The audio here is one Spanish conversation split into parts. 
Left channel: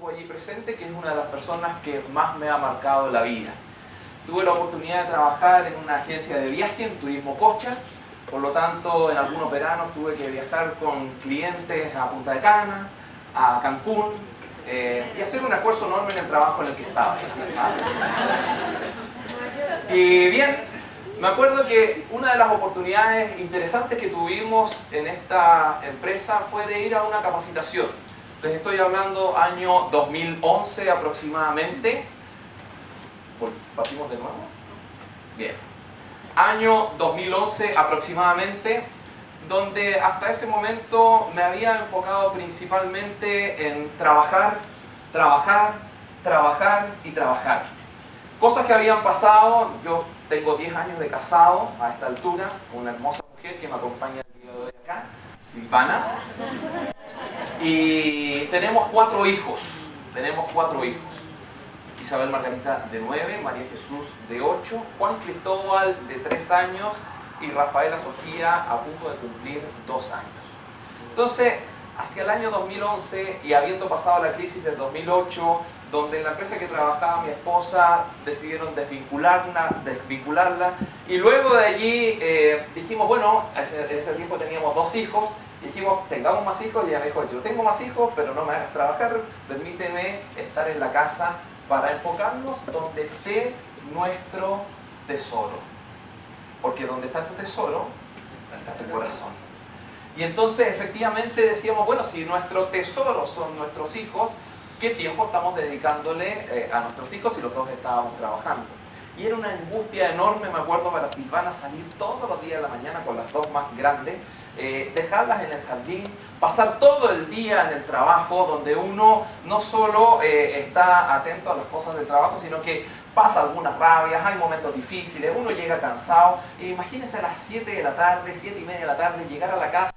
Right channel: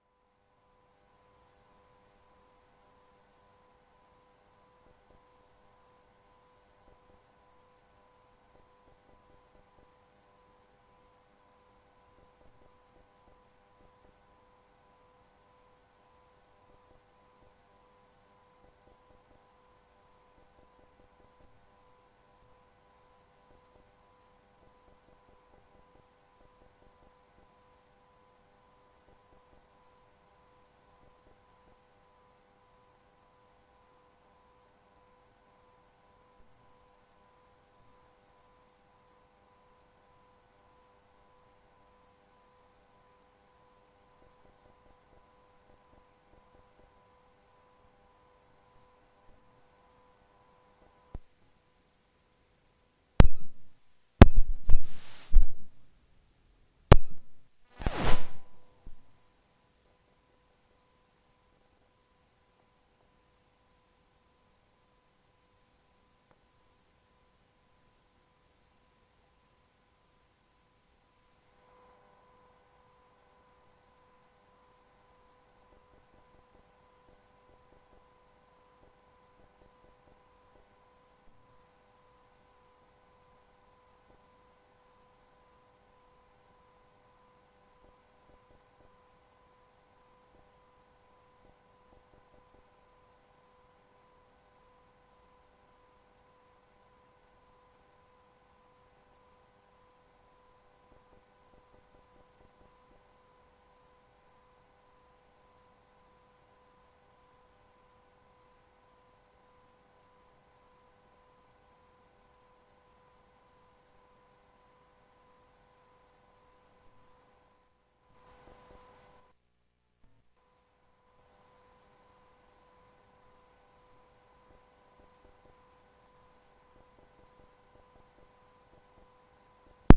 estuvo allí presente, que es una de las personas que más me ha marcado en la vida. Tuve la oportunidad de trabajar en una agencia de viaje, en Turismo Cocha, por lo tanto en algunos veranos tuve que viajar con clientes a Punta de Cana, a Cancún, y hacer un esfuerzo enorme en el trabajo en el que estaba. Y bien, me acuerdo que una de las oportunidades interesantes que tuvimos en esta empresa fue de ir a una capacitación. Les estoy hablando año 2011 aproximadamente. ¿Partimos de nuevo? Bien. Año 2011 aproximadamente, donde hasta ese momento me había enfocado principalmente en trabajar, trabajar, trabajar y trabajar. Cosas que habían pasado. Yo tengo 10 años de casado a esta altura, una hermosa mujer que me acompaña el día de hoy acá, Silvana. Y tenemos 4 hijos. Isabel Margarita de 9, María Jesús de 8, Juan Cristóbal de 3 años y Rafaela Sofía a punto de cumplir 2 años. Entonces, hacia el año 2011 y habiendo pasado la crisis del 2008, donde en la empresa que trabajaba mi esposa decidieron desvincularla, y luego de allí dijimos, bueno, en ese tiempo teníamos 2 hijos, dijimos, tengamos más hijos, y ella me dijo, yo tengo más hijos, pero no me hagas trabajar, permíteme estar en la casa para enfocarnos donde esté nuestro tesoro. Porque donde está tu tesoro, está tu corazón. Y entonces efectivamente decíamos, bueno, si nuestro tesoro son nuestros hijos, ¿qué tiempo estamos dedicándole a nuestros hijos si los 2 estábamos trabajando? Y era una angustia enorme, me acuerdo, para Silvana salir todos los días de la mañana con las 2 más grandes, dejarlas en el jardín, pasar todo el día en el trabajo, donde uno no solo está atento a las cosas del trabajo, sino que pasa algunas rabias, hay momentos difíciles, uno llega cansado. Imagínense a las 7 de la tarde, 7 y media de la tarde, llegar a la casa.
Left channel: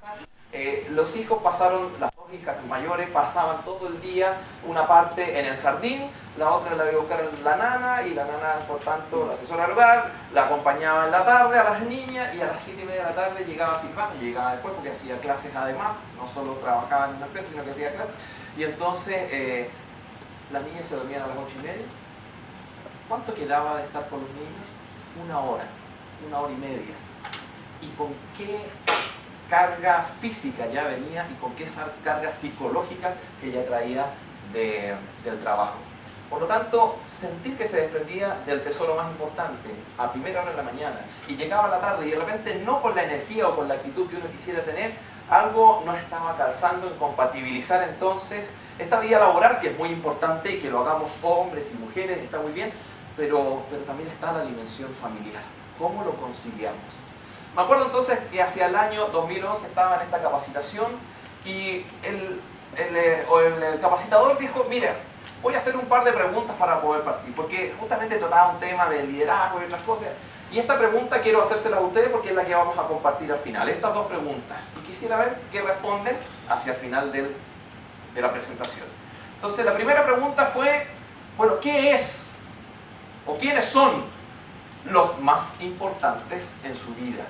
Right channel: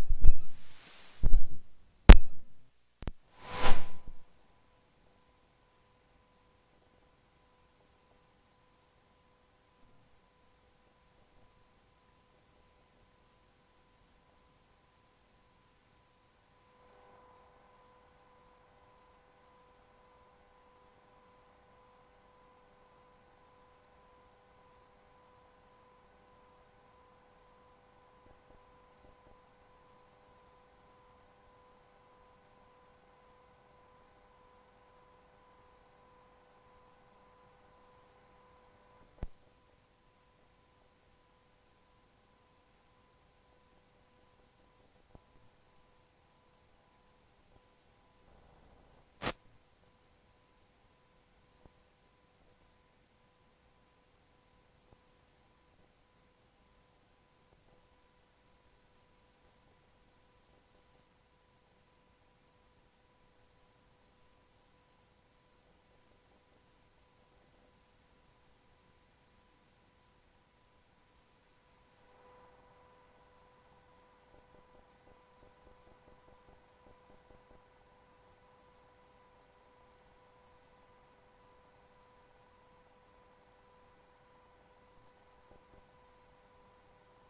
Los hijos pasaron, las 2 hijas mayores pasaban todo el día, una parte en el jardín, la otra la iba a buscar la nana, y la nana, por tanto, la asesora del hogar, la acompañaba en la tarde a las niñas, y a las 7 y media de la tarde llegaba Silvana, y llegaba después porque hacía clases además, no solo trabajaba en una empresa, sino que hacía clases, y entonces las niñas se dormían a las 8 y media. ¿Cuánto quedaba de estar con los niños? 1 hora, 1 hora y media. ¿Y con qué carga física ya venía y con qué carga psicológica que ya traía del trabajo? Por lo tanto, sentir que se desprendía del tesoro más importante a primera hora de la mañana y llegaba a la tarde y de repente no con la energía o con la actitud que uno quisiera tener, algo no estaba calzando en compatibilizar entonces esta vida laboral, que es muy importante y que lo hagamos hombres y mujeres, está muy bien, pero también está la dimensión familiar. ¿Cómo lo conciliamos? Me acuerdo entonces que hacia el año 2011 estaba en esta capacitación y el capacitador dijo, mira, voy a hacer un par de preguntas para poder partir, porque justamente trataba un tema de liderazgo y otras cosas, y esta pregunta quiero hacérsela a ustedes porque es la que vamos a compartir al final, estas 2 preguntas, y quisiera ver qué responden hacia el final de la presentación. Entonces la primera pregunta fue, bueno, ¿qué es o quiénes son los más importantes en su vida?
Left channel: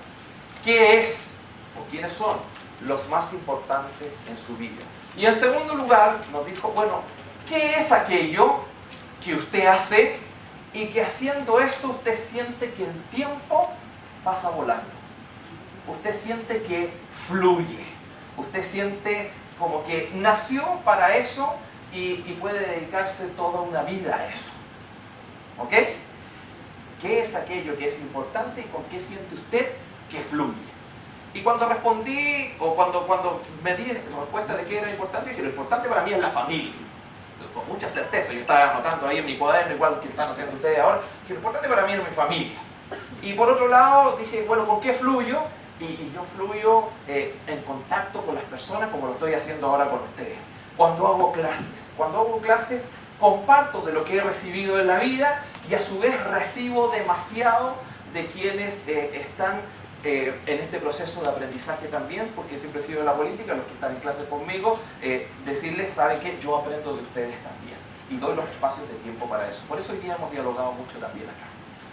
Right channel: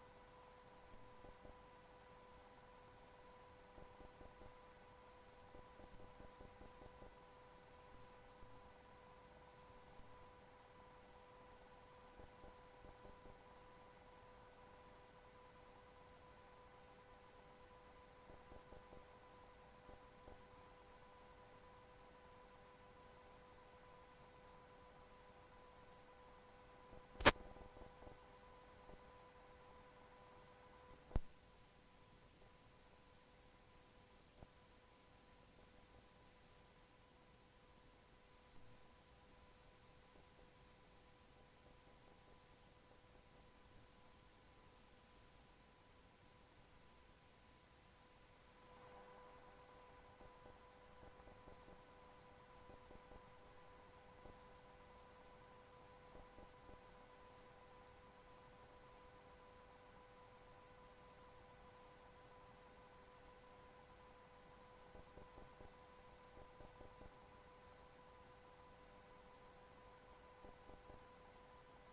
¿Qué es o quiénes son los más importantes en su vida? Y en segundo lugar nos dijo, bueno, ¿qué es aquello que usted hace y que haciendo eso usted siente que el tiempo pasa volando? Usted siente que fluye, usted siente como que nació para eso y puede dedicarse toda una vida a eso. ¿Ok? ¿Qué es aquello que es importante y con qué siente usted que fluye? Y cuando respondí, o cuando me di respuesta de qué era importante, dije, lo importante para mí es la familia. Con mucha certeza, yo estaba anotando ahí en mi cuaderno, igual que están haciendo ustedes ahora, dije, lo importante para mí es mi familia. Y por otro lado, dije, bueno, ¿con qué fluyo? Y yo fluyo en contacto con las personas como lo estoy haciendo ahora con ustedes. Cuando hago clases, comparto de lo que he recibido en la vida y a su vez recibo demasiado de quienes están en este proceso de aprendizaje también, porque siempre he sido de la política, los que están en clase conmigo, decirles, ¿saben qué? Yo aprendo de ustedes también y doy los espacios de tiempo para eso. Por eso hoy día hemos dialogado mucho también acá.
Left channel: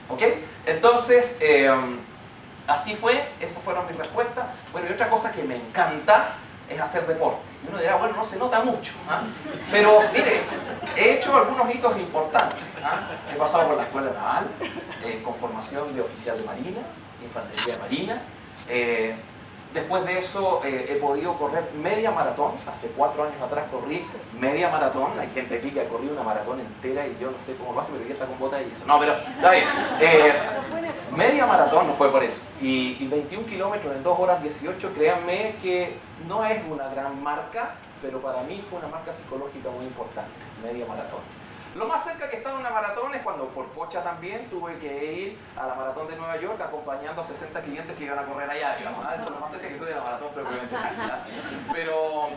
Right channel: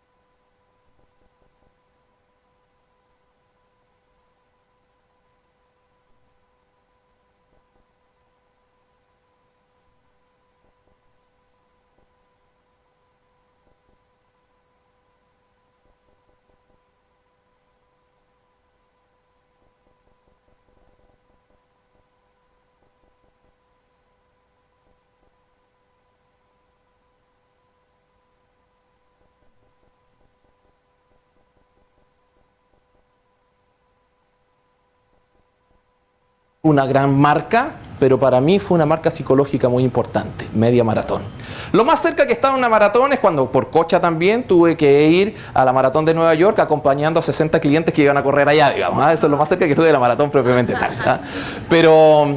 ¿Ok? Entonces, así fue, esas fueron mis respuestas. Bueno, y otra cosa que me encanta es hacer deporte. Y uno dirá, bueno, no se nota mucho, ¿ah? Pero mire, he hecho algunos hitos importantes, ¿ah? He pasado por la escuela naval, con formación de oficial de marina, infantería de marina. Después de eso he podido correr media maratón. Hace 4 años atrás corrí media maratón. Hay gente aquí que ha corrido una maratón entera y yo no sé cómo lo hace, pero ya está con bota y eso. No, pero está bien. Media maratón no fue por eso. Y 21 kilómetros en 2 horas 18, créanme que no es una gran marca, pero para mí fue una marca psicológica muy importante, media maratón. Lo más cerca que estaba una maratón es cuando por cocha también tuve que ir a la maratón de Nueva York acompañando a 60 clientes que iban a correr allá, digamos. Eso es lo más cerca que estuve de la maratón propiamente tal. ¿Ah? Pero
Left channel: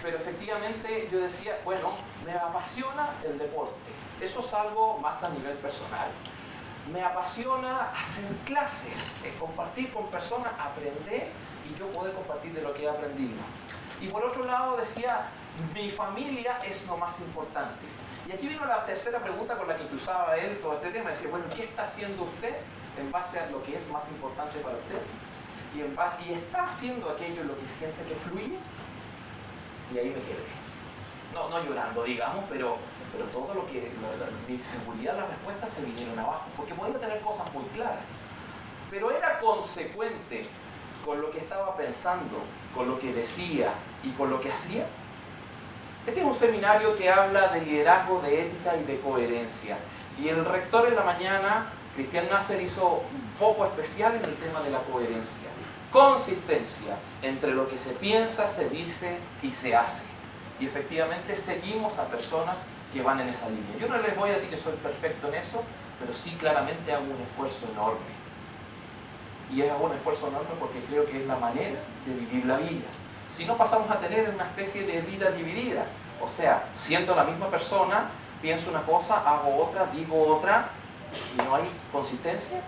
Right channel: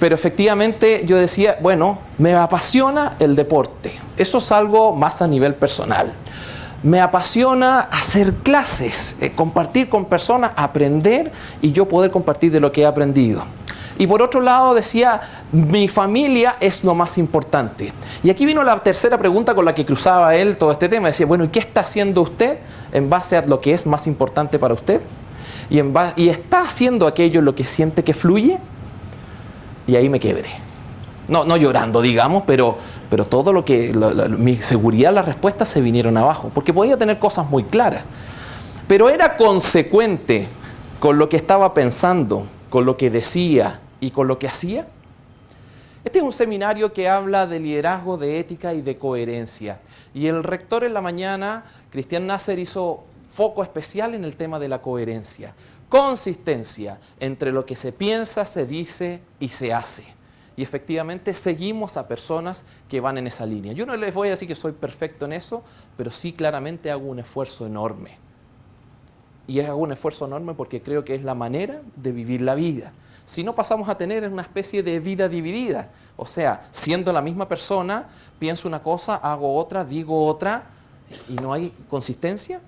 efectivamente yo decía, bueno, me apasiona el deporte. Eso es algo más a nivel personal. Me apasiona hacer clases, compartir con personas, aprender y yo poder compartir de lo que he aprendido. Y por otro lado decía, mi familia es lo más importante. Y aquí vino la tercera pregunta con la que cruzaba él todo este tema. Decía, bueno, ¿y qué está haciendo usted en base a lo que es más importante para usted? ¿Y está haciendo aquello en lo que siente que fluye? Y ahí me quebré. No llorando, digamos, pero todo lo que, mi seguridad, las respuestas se vinieron abajo. Porque podía tener cosas muy claras. Pero era consecuente con lo que estaba pensando, con lo que decía y con lo que hacía. Este es un seminario que habla de liderazgo, de ética y de coherencia. Y el rector en la mañana, Cristian Nasser, hizo foco especial en el tema de la coherencia. Consistencia entre lo que se piensa, se dice y se hace. Y efectivamente seguimos a personas que van en esa línea. Yo no les voy a decir que soy perfecto en eso, pero sí claramente hago un esfuerzo enorme. Y hago un esfuerzo enorme porque creo que es la manera de vivir la vida. Si no, pasamos a tener una especie de vida dividida. O sea, siendo la misma persona, pienso una cosa, hago otra, digo otra, y no hay consistencia.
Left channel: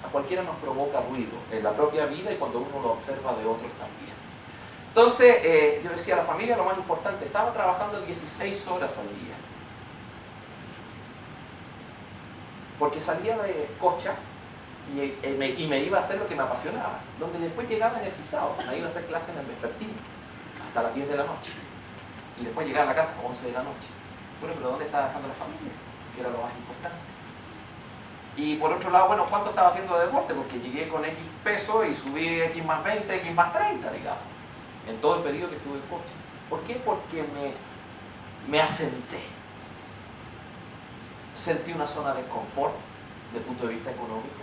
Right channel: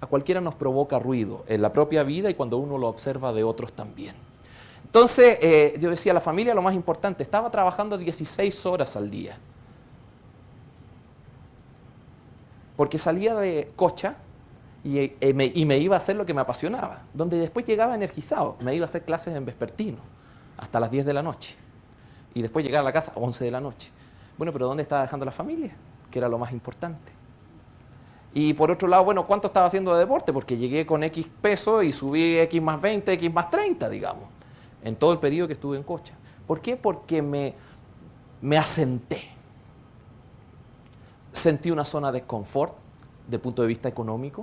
A cualquiera nos provoca ruido en la propia vida y cuando uno lo observa de otros también. Entonces, yo decía, la familia lo más importante. Estaba trabajando 16 horas al día. Porque salía de Cocha y me iba a hacer lo que me apasionaba, donde después llegaba energizado. Me iba a hacer clases en vespertino hasta las 10 de la noche y después llegar a la casa a 11 de la noche. Bueno, pero ¿dónde estaba dejando la familia? Que era lo más importante. Y por otro lado, bueno, ¿cuánto estaba haciendo de deporte? Porque llegué con X peso y subí X más 20, X más 30, digamos, en todo el periodo que estuve en Cocha. ¿Por qué? Porque me asenté. Sentí una zona de confort desde el punto de vista económico,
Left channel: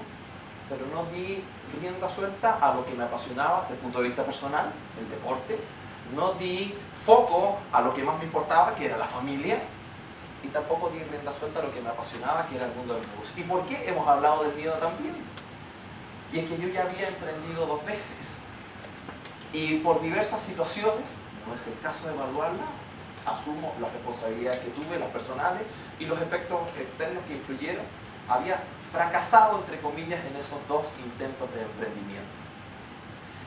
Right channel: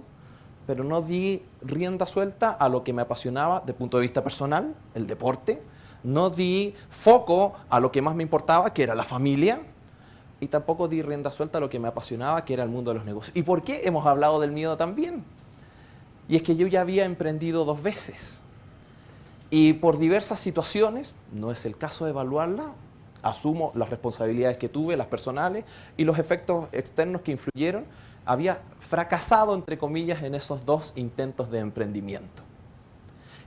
pero no di rienda suelta a lo que me apasionaba desde el punto de vista personal, el deporte. No di foco a lo que más me importaba, que era la familia, y tampoco di rienda suelta a lo que me apasionaba, que era el mundo de los negocios. ¿Y por qué? Hemos hablado del miedo también. Y es que yo ya había emprendido 2 veces. Y por diversas situaciones, no es el caso de evaluarla, asumo las responsabilidades que tuve, las personales, y los efectos externos que influyeron, había fracasado, entre comillas, en esos 2 intentos de emprendimiento.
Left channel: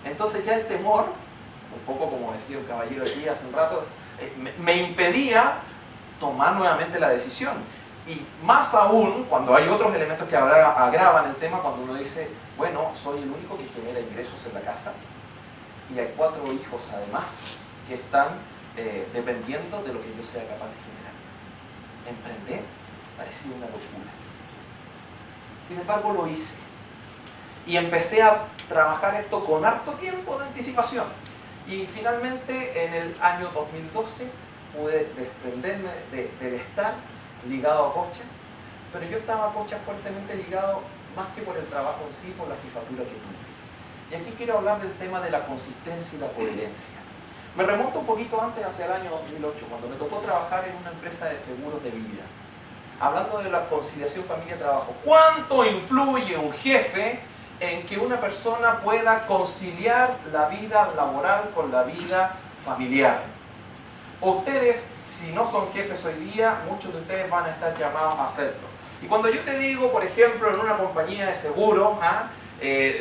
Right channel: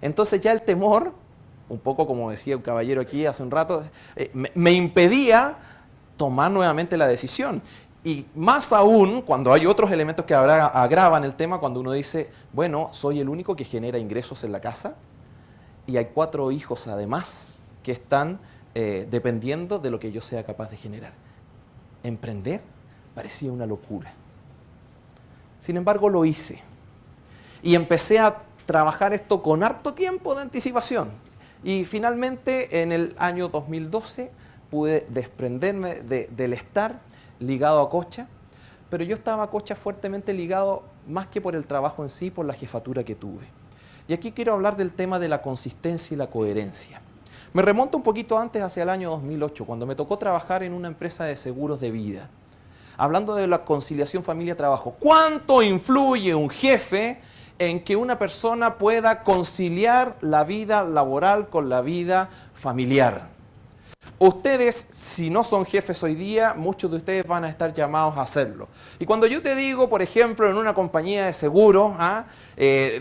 Entonces ya el temor, un poco como decía el caballero aquí hace un rato, me impedía tomar nuevamente la decisión. Y más aún cuando hay otros elementos que agravan el tema, cuando uno dice, bueno, soy el único que genera ingresos en la casa y hay 4 hijos además que están dependiendo de lo que yo sea capaz de generar. Emprender parecía una locura. Sin embargo, lo hice. Y empecé a trabajar esto con harto tiempo de anticipación. Y finalmente, en el año 2012, pude desprenderme del estar ligado a Cocha. Pero yo estaba a Cocha fuertemente ligado, más que por el trabajo en sí, por la jefatura que tuve. Y aquí quiero hablar del tema de la consistencia y la coherencia. Me remonto un poquito antes, hacia el año 2008, cuando me tocó trabajar en una empresa de seguros de vida. Hablando de la conciliación familia-trabajo. ¿Cuánto influye un jefe en que una persona pueda conciliar la vida laboral con la vida familiar? Ustedes, si no son jefes hoy día, muchos de ustedes van a estar llamados a hacerlo. Y cuando yo te digo, por ejemplo, en una compañía de seguros,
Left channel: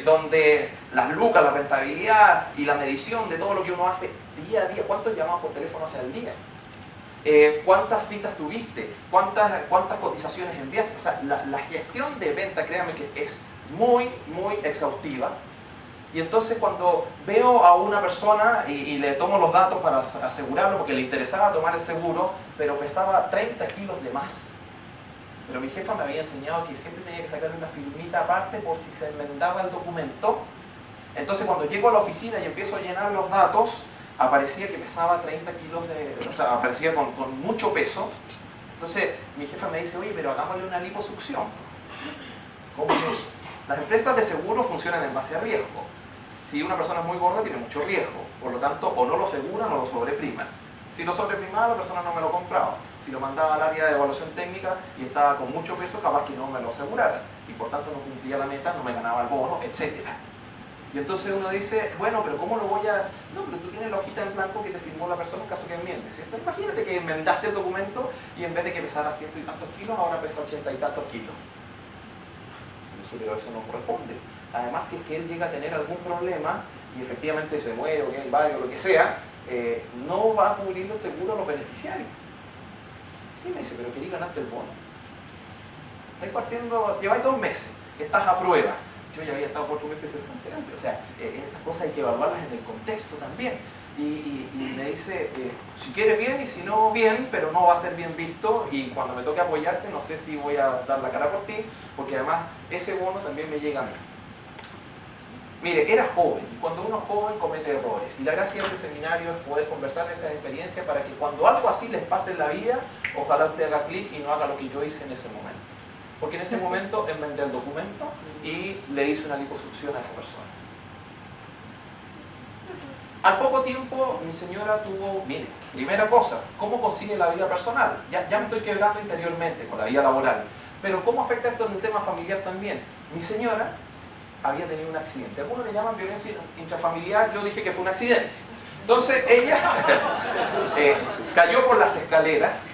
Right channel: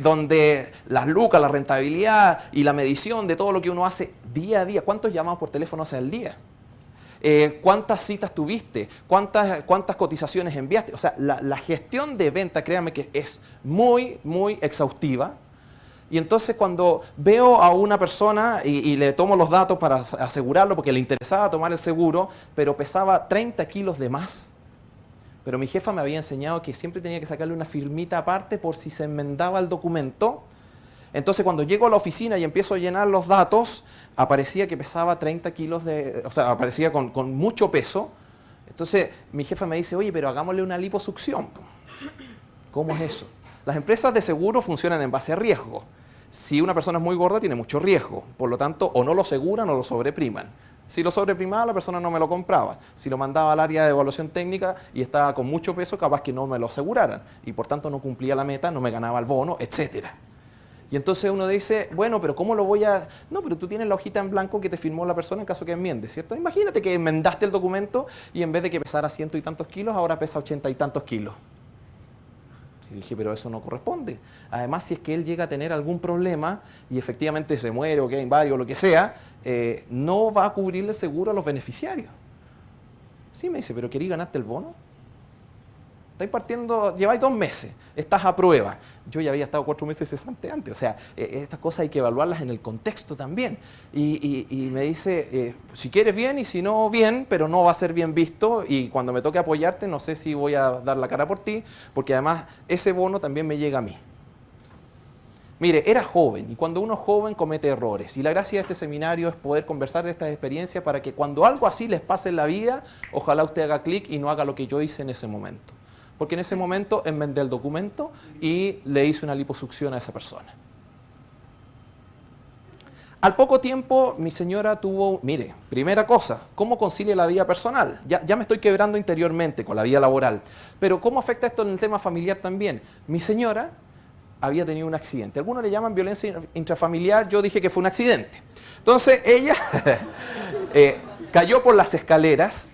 donde las lucas, la rentabilidad y la medición de todo lo que uno hace día a día, ¿cuántos llamados por teléfono hacen al día? ¿Cuántas citas tuviste? ¿Cuántas cotizaciones enviaste? O sea, la gestión de venta, créanme que es muy, muy exhaustiva. Y entonces cuando veo a una persona y le tomo los datos para asegurarlo, porque le interesaba tomar el seguro, pero pesaba 30 kilos de más. Pero mi jefa me había enseñado que siempre tenía que sacarle una firmita aparte por si se enmendaba el documento. Entonces cuando llego a la oficina y empiezo a llenar los datos, aparecía que pesaba 30 kilos o sea, aparecía con mucho peso. Entonces mi jefa me dice, oye, pero hagámosle una liposucción. ¿Cómo es eso? Las empresas de seguro funcionan en base a riesgo. Si una persona es muy gorda, tiene mucho riesgo. Por lo tanto, o no lo aseguran o lo sobrepriman. Si lo sobreprimaba, la persona no me lo compraba. Si lo mandaba al área de evaluación técnica y estaba con mucho peso, capaz que no me lo aseguraran. Y por tanto no cumplía la meta, no me ganaba el bono, etc. Y entonces uno dice, bueno, pero ¿cómo lo voy a...? No, pero tú tienes la hojita en blanco que te firmó la persona en caso que enmiende, ¿cierto? Imagínate que enmendaste el documento y en vez de que pesara 100 y tantos kilos, ahora pesa 80 y tantos kilos. Y dije, pero eso no corresponde. Además, si es que él llega a tener algún problema y efectivamente se muere o queda inválido o lo que sea, no va a cubrir el seguro a los beneficiarios. Sí, me dice, pero ¿queréis ganarte el bono? Estáis partiendo, lleváis 2 meses, estás a prueba. Yo ya había estado 4 meses cesante antes. O sea, estas cosas hay que evaluarlas en el contexto también. Y me dice, si quieres bien y si no bien, pero no va a ser bien visto y cuando me toque apoyarte no sé si voy a dar la cara por ti, porque además ese bono también me llega a mí. Mire, era joven y cuando uno es joven comete errores y la gracia de este seminario es poder conversar de estas experiencias para que cuando algo así les pase en la vida, ojalá usted haga clic y no haga lo que yo hice en ese momento. Porque en ese momento enmendé el documento y le hice una liposucción a esa persona. Al poco tiempo mi señora tuvo, mire, primera cosa, ¿cómo consigue la vida personal? Ya me estoy quebrando interiormente con la vida laboral, pero ¿cómo afecta esto en el tema familiar también? Mi señora había tenido un accidente. Algunos le llaman violencia intrafamiliar, yo dije que fue un accidente. Entonces ella cayó por las escaleras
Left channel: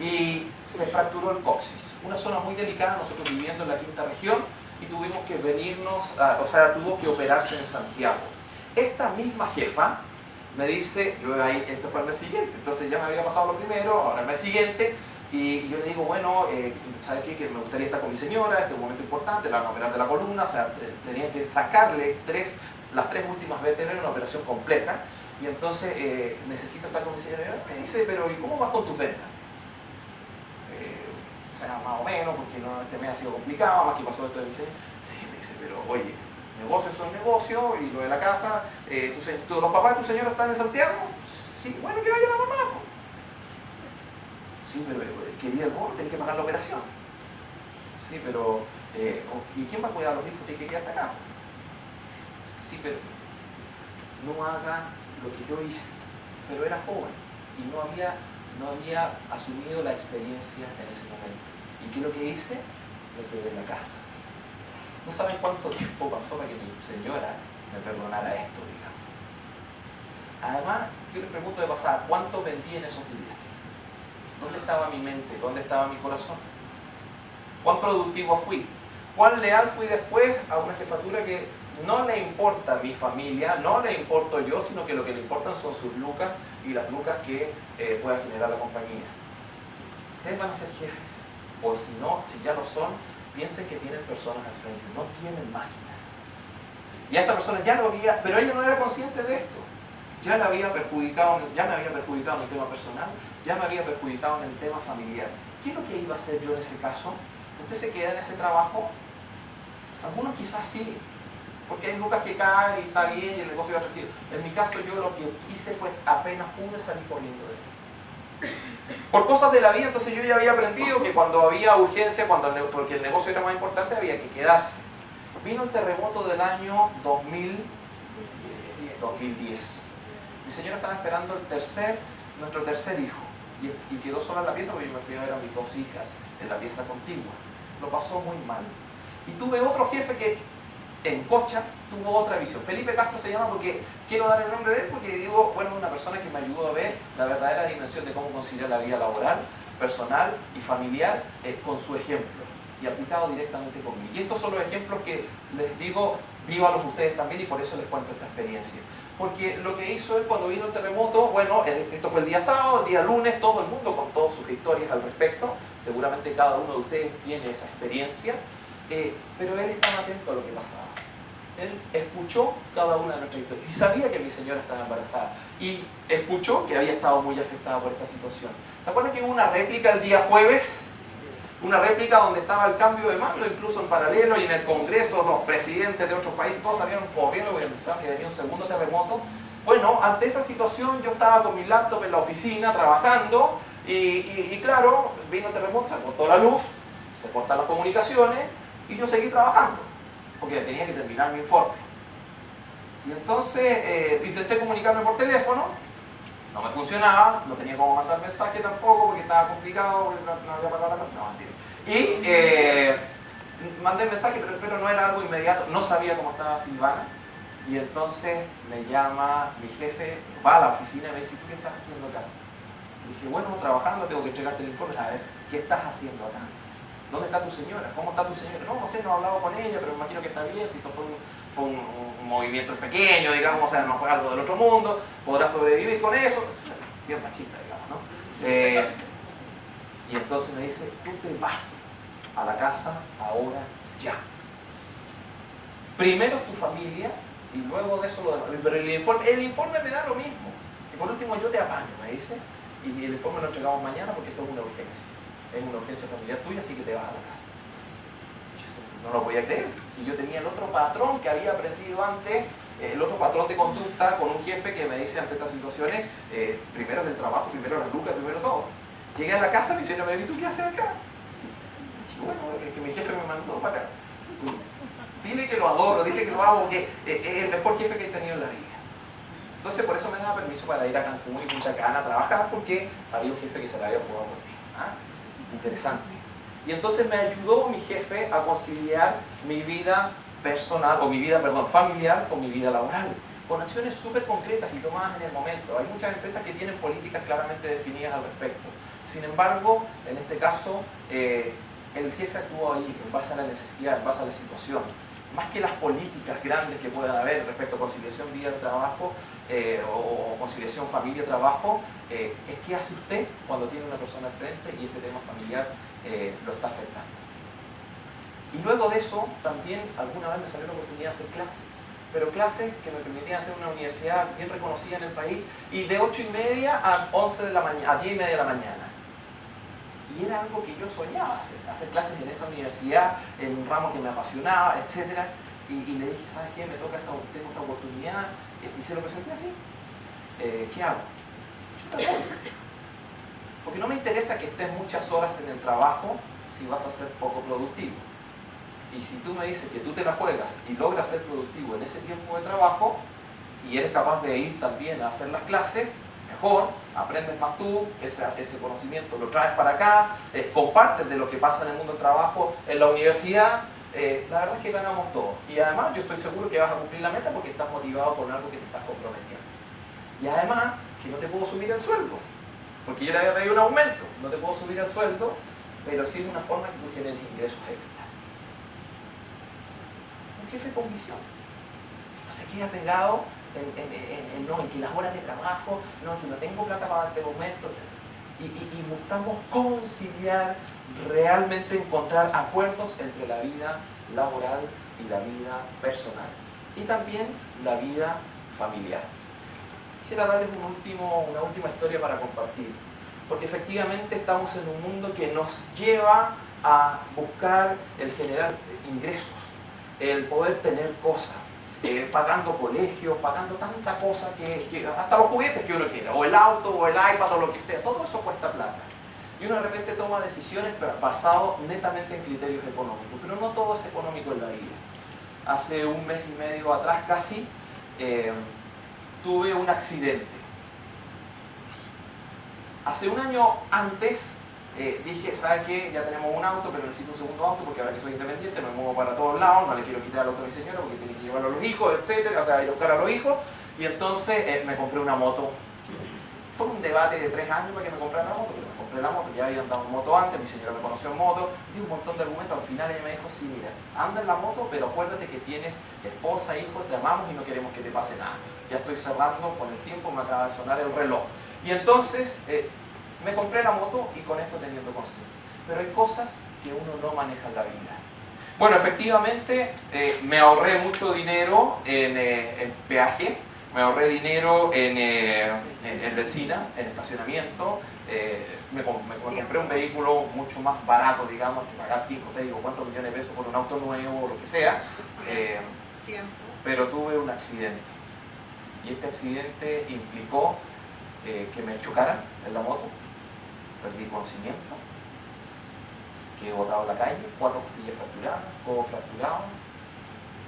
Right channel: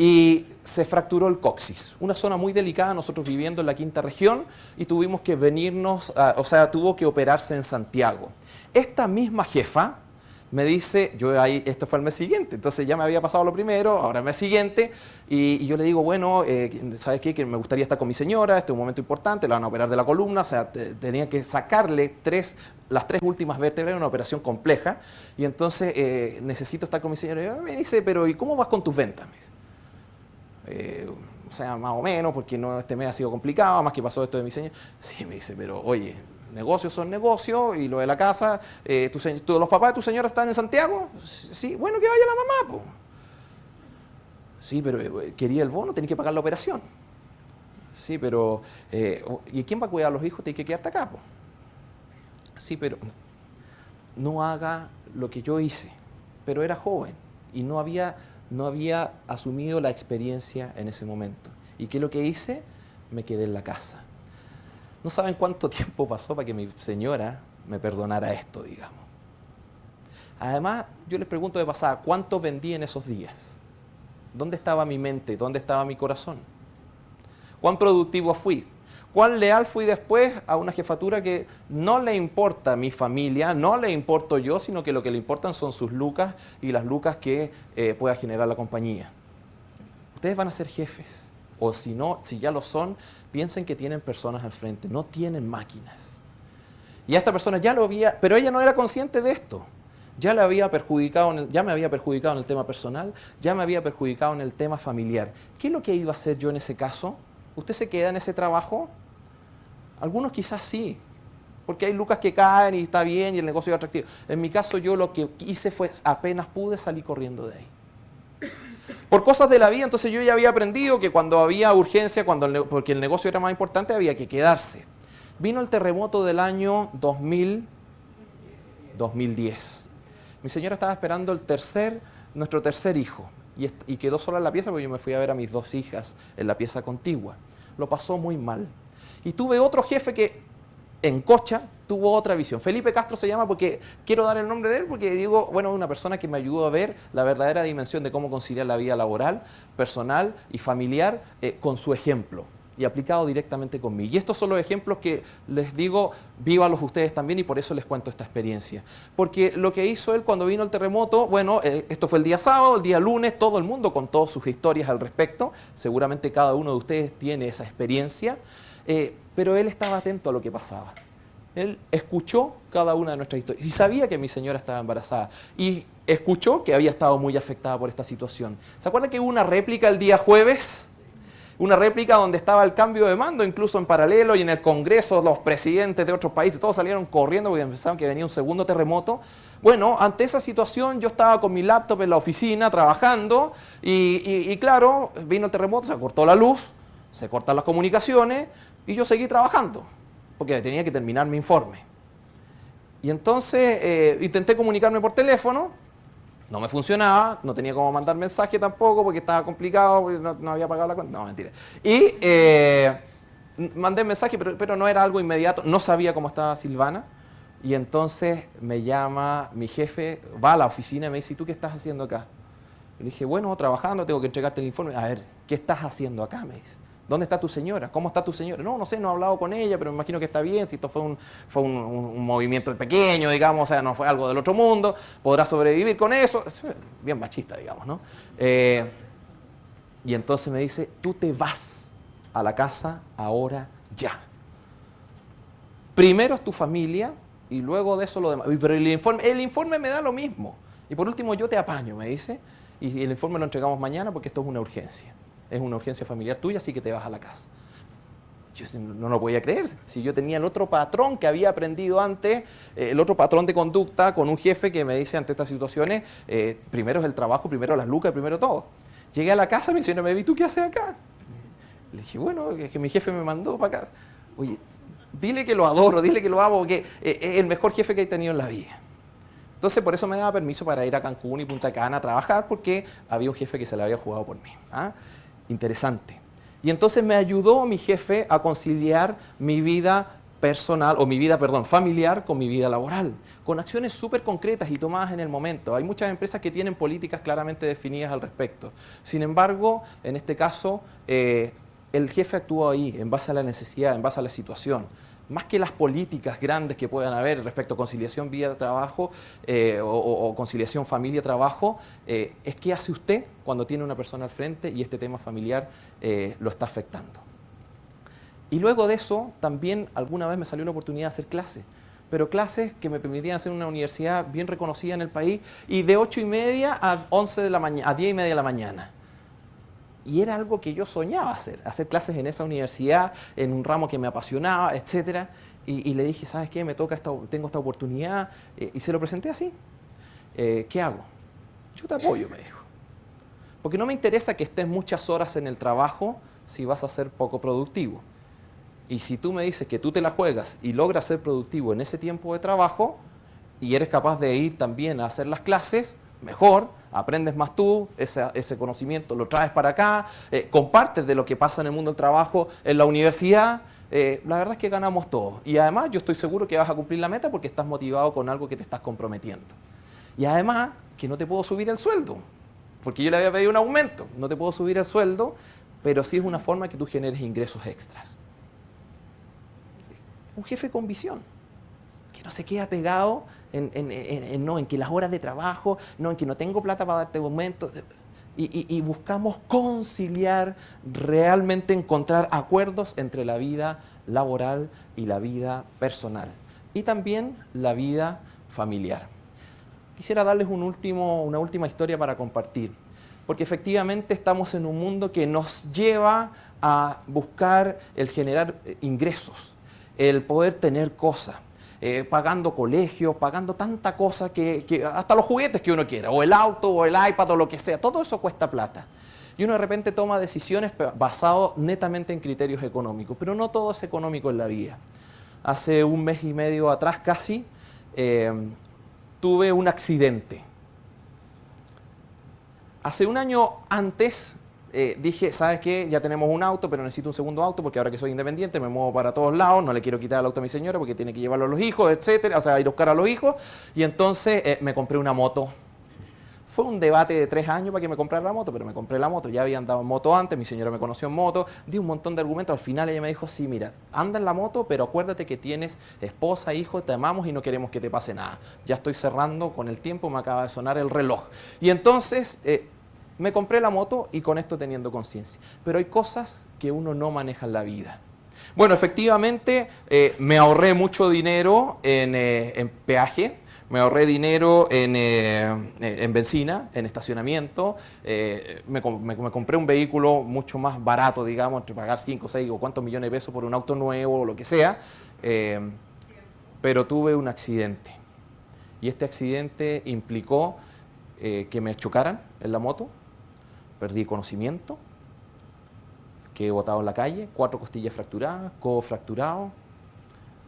y se fracturó el coxis. Una zona muy delicada, nosotros viviendo en la quinta región y tuvimos que venirnos, o sea, tuvo que operarse en Santiago. Esta misma jefa me dice, yo ahí, esto fue el mes siguiente, entonces ya me había pasado lo primero, ahora el mes siguiente, y yo le digo, bueno, ¿sabes qué? Que me gustaría estar con mi señora, este es un momento importante, la van a operar de la columna, o sea, tenía que sacarle las 3 últimas vértebras, una operación compleja, y entonces necesito estar con mi señora. Y me dice, pero ¿y cómo vas con tus ventas? O sea, más o menos, porque no, este mes ha sido complicado, más que pasó esto de mi señora. Sí, me dice, pero oye, negocios son negocios, y lo de la casa, los papás de tu señora están en Santiago, sí, bueno, que vaya la mamá, pues. Sí, pero quería el bono, tenés que pagar la operación. Sí, pero ¿y quién va a cuidar a los hijos? Tienes que quedarte acá, pues. Sí, pero no haga lo que yo hice. Pero era joven y no había asumido la experiencia en ese momento. ¿Y qué es lo que hice? Me quedé en la casa. No saben cuánto tiempo pasó para que mi señora me perdonara esto, digamos. Además, yo les pregunto de pasada, ¿cuánto vendí en esos días? ¿Dónde estaba mi mente? ¿Dónde estaba mi corazón? ¿Cuán productivo fui? ¿Cuán leal fui después a una jefatura que no le importa a mi familia, no le importo yo, sino que lo que le importan son sus lucas y las lucas que pueda generar la compañía? Ustedes van a ser jefes, o si no, si ya lo son, piensen que tienen personas al frente, no tienen máquinas. Y a esta persona ya lo había, pero ella no era consciente de esto. Ya me había perjudicado en el tema personal, ya me había perjudicado en el tema familiar. ¿Qué es lo que iba a hacer yo en ese caso? ¿Usted se queda en ese trabajo? Algunos quizás sí, porque hay lucas que caen y está bien y el negocio es atractivo. En mi caso yo lo que hice fue, apenas pude, salir corriendo de él. Por cosas de la vida, entonces yo ya había aprendido que cuando había urgencia, porque el negocio era más importante, había que quedarse. Vino el terremoto del año 2010. Mi señora estaba esperando nuestro tercer hijo y quedó sola en la pieza porque yo me fui a ver a mis 2 hijas en la pieza contigua. Lo pasó muy mal. Y tuve otro jefe que en Cocha tuvo otra visión. Felipe Castro se llama porque quiero dar el nombre de él porque digo, bueno, una persona que me ayudó a ver la verdadera dimensión de cómo conciliar la vida laboral, personal y familiar con su ejemplo y aplicado directamente conmigo. Y estos son los ejemplos que les digo, vívalos ustedes también y por eso les cuento esta experiencia. Porque lo que hizo él cuando vino el terremoto, bueno, esto fue el día sábado, el día lunes, todo el mundo con todas sus historias al respecto, seguramente cada uno de ustedes tiene esa experiencia, pero él estaba atento a lo que pasaba. Él escuchó cada una de nuestras historias y sabía que mi señora estaba embarazada y escuchó que había estado muy afectada por esta situación. ¿Se acuerdan que hubo una réplica el día jueves? Una réplica donde estaba el cambio de mando, incluso en paralelo, y en el Congreso los presidentes de otros países, todos salieron corriendo porque pensaban que venía un segundo terremoto. Bueno, ante esa situación yo estaba con mi laptop en la oficina trabajando y claro, vino el terremoto, se cortó la luz, se cortan las comunicaciones y yo seguí trabajando porque tenía que terminar mi informe. Y entonces intenté comunicarme por teléfono, no me funcionaba, no tenía cómo mandar mensaje tampoco porque estaba complicado, porque no había pagado la cuenta. No, mentira. Y mandé mensaje, pero no era algo inmediato, no sabía cómo estaba Silvana. Y entonces me llama mi jefe, va a la oficina y me dice, ¿y tú qué estás haciendo acá? Le dije, bueno, trabajando, tengo que entregarte el informe. A ver, ¿qué estás haciendo acá? Me dice. ¿Dónde está tu señora? ¿Cómo está tu señora? No, no sé, no he hablado con ella, pero me imagino que está bien. Si esto fue un movimiento pequeño, digamos, o sea, no fue algo del otro mundo, podrá sobrevivir con eso. Bien machista, digamos, ¿no? Y entonces me dice, tú te vas a la casa ahora ya. Primero es tu familia y luego de eso lo demás. Pero el informe me da lo mismo. Y por último yo te apaño, me dice. Y el informe lo entregamos mañana porque esto es una urgencia. Es una urgencia familiar tuya, así que te vas a la casa. Yo no lo podía creer. Si yo tenía el otro patrón que había aprendido antes, el otro patrón de conducta con un jefe que me dice ante estas situaciones, primero es el trabajo, primero las lucas, primero todo. Llegué a la casa y me dice, no me vi, ¿tú qué haces acá? Y dije, bueno, es que mi jefe me mandó para acá. Oye, dile que lo adoro, dile que lo amo, que es el mejor jefe que he tenido en la vida. Entonces por eso me daba permiso para ir a Cancún y Punta Cana a trabajar, porque había un jefe que se le había jugado por mí. ¿Ah? Interesante. Y entonces me ayudó mi jefe a conciliar mi vida personal, o mi vida, perdón, familiar con mi vida laboral, con acciones súper concretas y tomadas en el momento. Hay muchas empresas que tienen políticas claramente definidas al respecto. Sin embargo, en este caso, el jefe actuó ahí, en base a la necesidad, en base a la situación. Más que las políticas grandes que puedan haber respecto a conciliación vida-trabajo o conciliación familia-trabajo, es qué hace usted cuando tiene una persona al frente y este tema familiar lo está afectando. Y luego de eso, también alguna vez me salió la oportunidad de hacer clases, pero clases que me permitían hacer en una universidad bien reconocida en el país, y de 8:30 a 11 de la mañana, a 10:30 de la mañana. Y era algo que yo soñaba hacer clases en esa universidad, en un ramo que me apasionaba, etc. Y le dije, ¿sabes qué? Tengo esta oportunidad, y se lo presenté así. ¿Qué hago? Yo te apoyo, me dijo. Porque no me interesa que estés muchas horas en el trabajo si vas a ser poco productivo. Y si tú me dices que tú te la juegas y logras ser productivo en ese tiempo de trabajo, y eres capaz de ir también a hacer las clases, mejor, aprendes más tú, ese conocimiento lo traes para acá, compartes de lo que pasa en el mundo del trabajo en la universidad, la verdad es que ganamos todos. Y además yo estoy seguro que vas a cumplir la meta porque estás motivado con algo que te estás comprometiendo. Y además que no te puedo subir el sueldo, porque yo le había pedido un aumento, no te puedo subir el sueldo, pero sí es una forma que tú generes ingresos extras. Un jefe con visión, que no se queda pegado en que las horas de trabajo, no, en que no tengo plata para darte aumento. Y buscamos conciliar, realmente encontrar acuerdos entre la vida laboral y la vida personal. Y también la vida familiar. Quisiera darles una última historia para compartir. Porque efectivamente estamos en un mundo que nos lleva a buscar el generar ingresos, el poder tener cosas. Pagando colegios, pagando tanta cosa que hasta los juguetes que uno quiera, o el auto, o el iPad, o lo que sea, todo eso cuesta plata. Y uno de repente toma decisiones basadas netamente en criterios económicos, pero no todo es económico en la vida. Hace un mes y medio atrás casi, tuve un accidente. Hace un año antes dije, ¿sabes qué? Ya tenemos un auto, pero necesito un segundo auto porque ahora que soy independiente me muevo para todos lados, no le quiero quitar el auto a mi señora porque tiene que llevarlo a los hijos, etcétera, o sea, ir a buscar a los hijos. Y entonces me compré una moto. Fue un debate de 3 años para que me comprara la moto, pero me compré la moto, ya había andado en moto antes, mi señora me conoció en moto, di un montón de argumentos, al final ella me dijo, sí, mira, anda en la moto, pero acuérdate que tienes esposa, hijo, te amamos y no queremos que te pase nada. Ya estoy cerrando con el tiempo, me acaba de sonar el reloj. Y entonces me compré la moto y con esto teniendo conciencia. Pero hay cosas que uno no maneja en la vida. Bueno, efectivamente me ahorré mucho dinero en peaje, me ahorré dinero en benzina, en estacionamiento, me compré un vehículo mucho más barato, digamos, que pagar 5, 6 o cuántos millones de pesos por un auto nuevo o lo que sea, eh, pero tuve un accidente. Y este accidente implicó que me chocaran en la moto, perdí conocimiento, quedé botado en la calle, 4 costillas fracturadas, codo fracturado,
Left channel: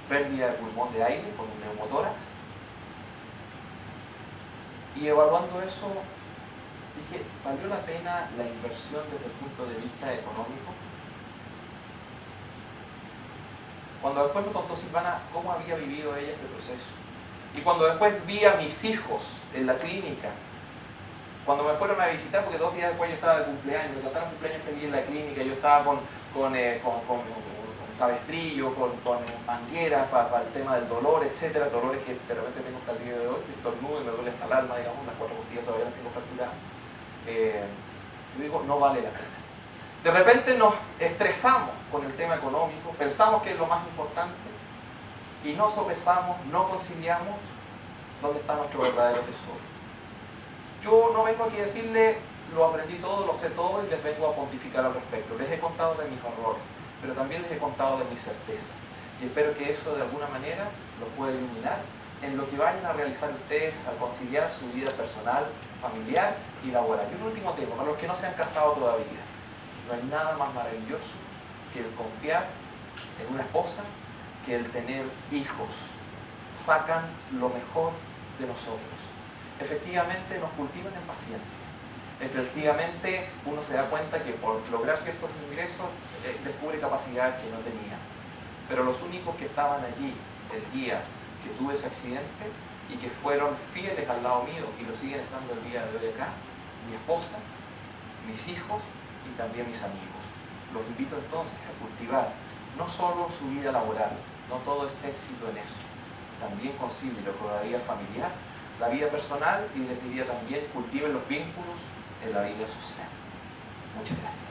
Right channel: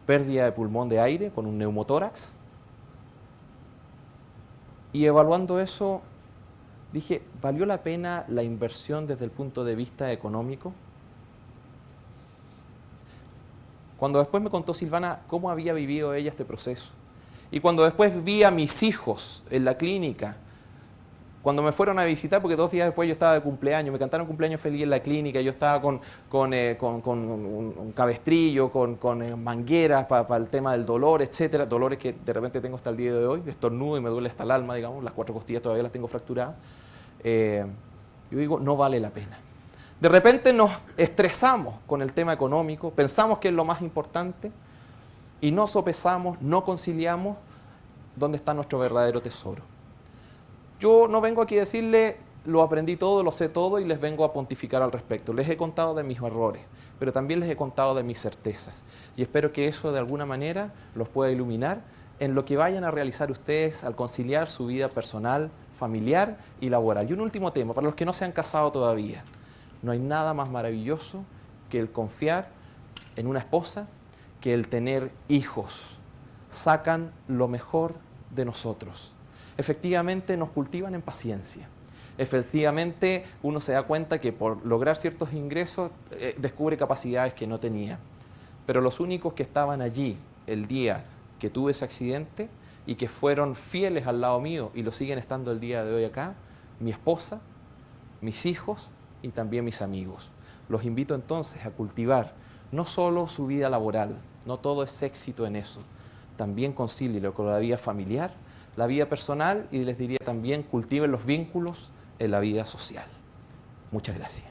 pérdida de pulmón de aire con un neumotórax. Y evaluando eso, dije, ¿valió la pena la inversión desde el punto de vista económico? Cuando después me contó Silvana cómo había vivido ella este proceso, y cuando después vi a mis hijos en la clínica, cuando me fueron a visitar, porque 2 días después yo estaba de cumpleaños, me cantaron cumpleaños feliz en la clínica, yo estaba con un cabestrillo, con mangueras para el tema del dolor, etcétera, dolores que de repente tengo hasta el día de hoy, me estornudo y me duele hasta el alma, digamos, las 4 costillas todavía las tengo fracturadas. Yo digo, no vale la pena. De repente nos estresamos con el tema económico, pensamos que es lo más importante y no sopesamos, no conciliamos dónde está nuestro verdadero tesoro. Yo no vengo aquí a decirle lo aprendí todo, lo sé todo y les vengo a pontificar al respecto. Les he contado de mis errores, pero también les he contado de mis certezas. Y espero que eso de alguna manera los pueda iluminar en lo que vayan a realizar ustedes al conciliar su vida personal, familiar y laboral. Y un último tema, para los que no se han casado todavía. No hay nada más maravilloso que el confiar en una esposa, que el tener hijos. Sacan lo mejor de nosotros. Efectivamente nos cultivan en paciencia. Efectivamente uno se da cuenta que por lograr ciertos ingresos descubre capacidades que no tenía. Pero los únicos que estaban allí el día que tuve ese accidente y que fueron fieles al lado mío y lo siguen estando el día de hoy acá, mi esposa, mis hijos y también mis amigos. Los invito entonces a cultivar no solo su vida laboral, no todo es éxito en eso, también concílielo con la vida familiar, la vida personal y les diría también cultiven los vínculos en la vida social. Muchas gracias.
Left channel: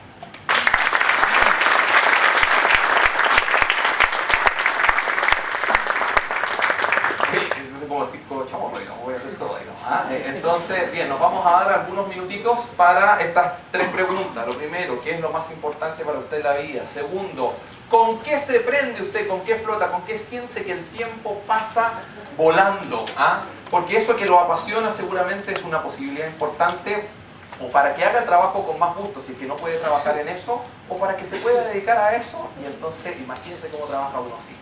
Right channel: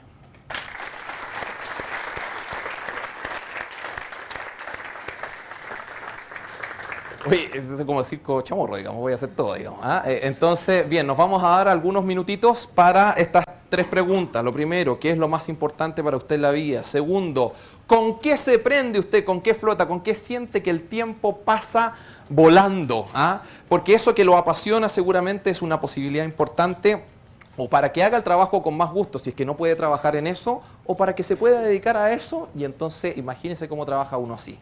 Entonces, como decir chamorro, digamos, voy a hacer todo, digamos. Entonces, bien, nos vamos a dar algunos minutitos para estas 3 preguntas. Lo primero, ¿qué es lo más importante para usted en la vida? Segundo, ¿con qué se prende usted? ¿Con qué flota? ¿Con qué siente que el tiempo pasa volando? Porque eso que lo apasiona seguramente es una posibilidad importante, o para que haga el trabajo con más gusto, si es que no puede trabajar en eso, o para que se pueda dedicar a eso, y entonces imagínense cómo trabaja uno así.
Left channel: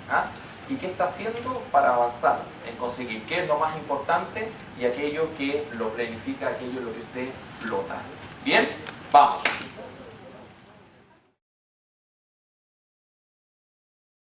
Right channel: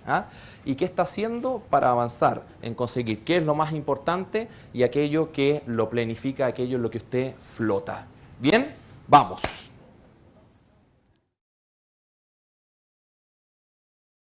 ¿Y qué está haciendo para avanzar en conseguir qué es lo más importante y aquello que lo planifica, aquello en lo que usted flota? Bien, vamos.